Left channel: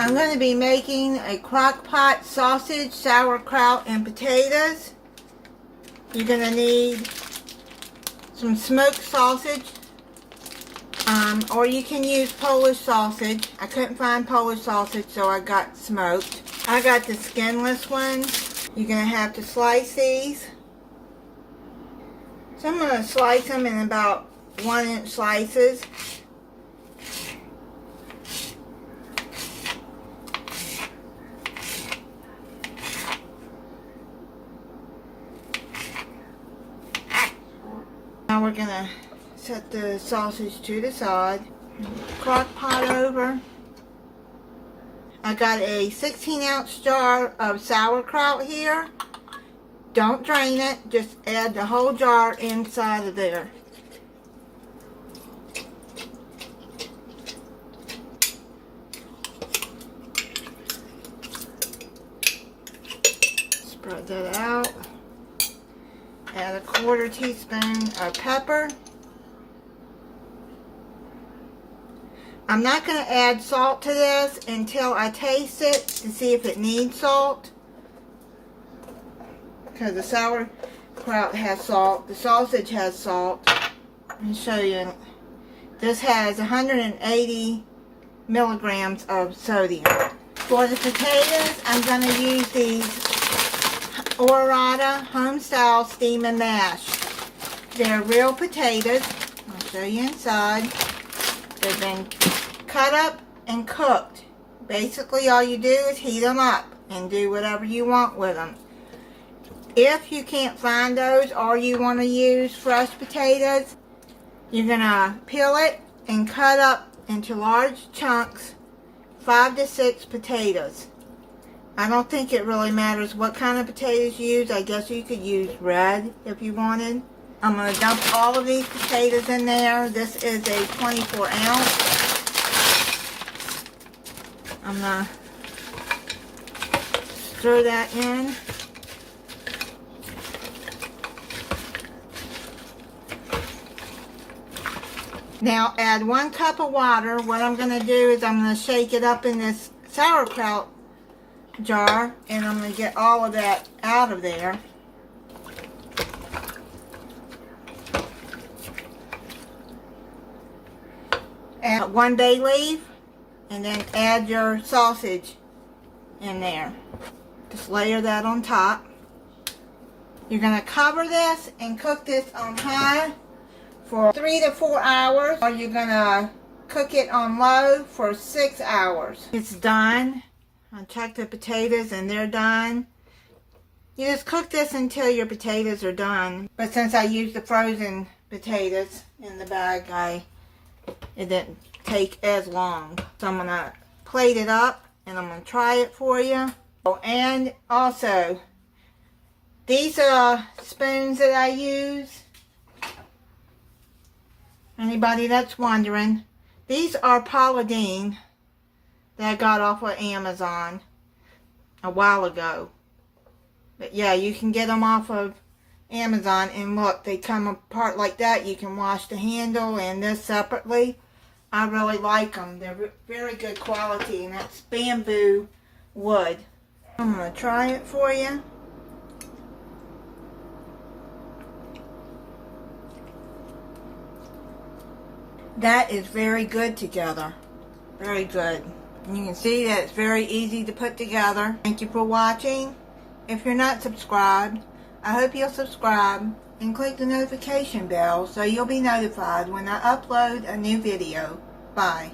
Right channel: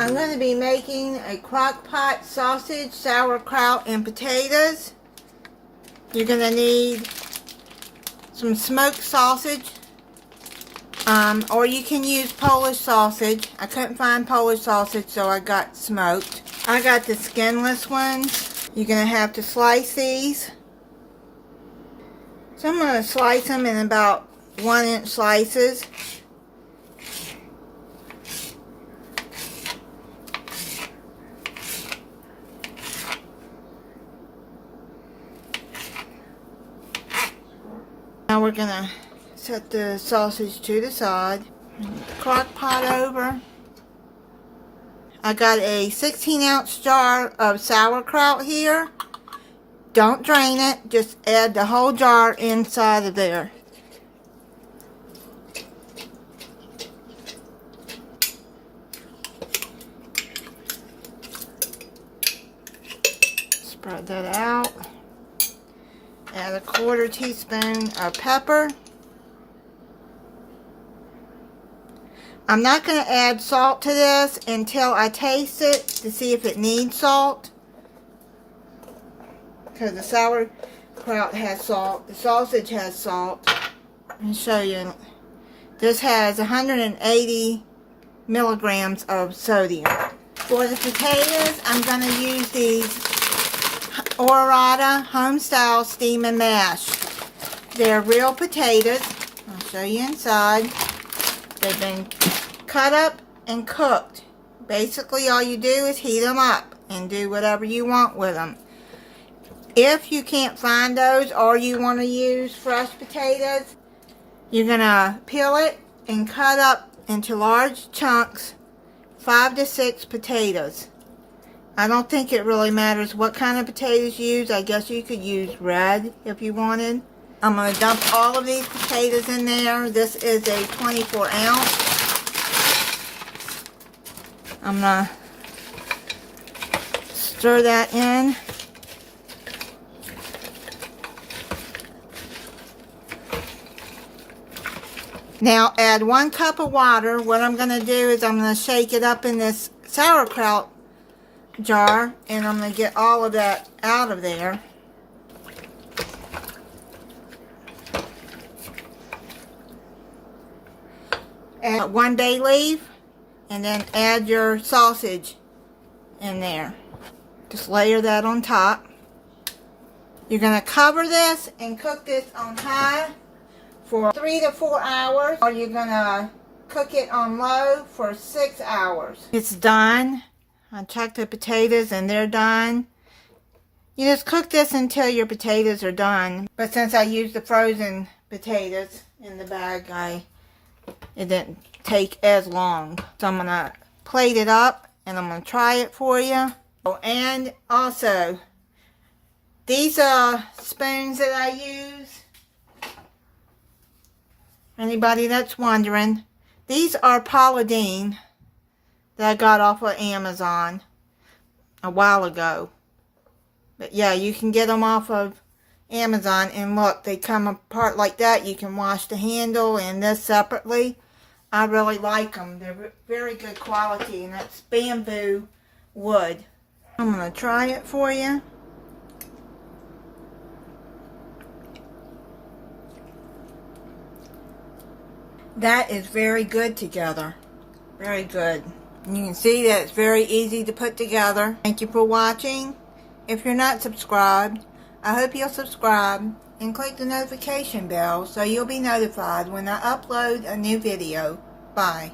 I'm going to be making a crock-pot sausage, sauerkraut, and potatoes. You're going to need some smoked sausage, or you can use Polish sausage. I couldn't find Polish sausage, so I got smoked. I got the skinless ones. You're going to have to slice these. So I'm going to slice them in about 1-inch slices. Now we're going to set the sausage to the side. Crock pot over. I got a 16-ounce jar of sauerkraut here. Don't drain it, just add the whole jar inside of there. Spread that out. Add a 1/4 teaspoon of pepper. I'm not going to add salt to this until I taste it to see if it needs salt. Because the sauerkraut has salt. The sausage has salt. Let me show you. This has 180 milligrams of sodium. For the potatoes, I'm going to use these Orata home-style steam and mash. They're real potatoes. I'll show you inside. They've been cut up and cooked. Basically, all you do is heat them up and do whatever you want with them. If you can't find those, or you want to use fresh potatoes, you're going to peel it and cut up into large chunks, 5 to 6 potatoes. I don't think it really matters what kind of potatoes you use. I guess you could use red if you wanted. I'm going to dump all of these potatoes in there. This is a 24 ounce. I'm going to stir that in. Now add 1 cup of water. What I'm going to do is I'm going to shake it up in this sauerkraut jar, and I'm going to get all of that out of there. Add 1 bay leaf, and then add your sausage in there. Just layer that on top. You're going to cover this and cook this on high for 3 to 4 hours, or you're going to cook it on low for 6 hours. It's done. I checked the potatoes and they're done. You just cook this until your potatoes are done. But since I used the frozen potatoes in the bag, it didn't take as long. So I'm going to plate it up and I'm going to try it for you. And also, these are spoons that I use. Anybody that's wondering, these are Paula Deen that I got off of Amazon a while ago. But yeah, you can get them off of Amazon, and look, they come apart like that. You can wash the handle and this separately. I really like them. They're very good quality, and that's bamboo wood. I'm going to try it for you. That is very good together. Very good. You can see that it's very easy to put together. Thank you for watching. If you're not subscribed, I hope you'll subscribe and click the notification bell so you'll be notified when I upload a new video. Bye.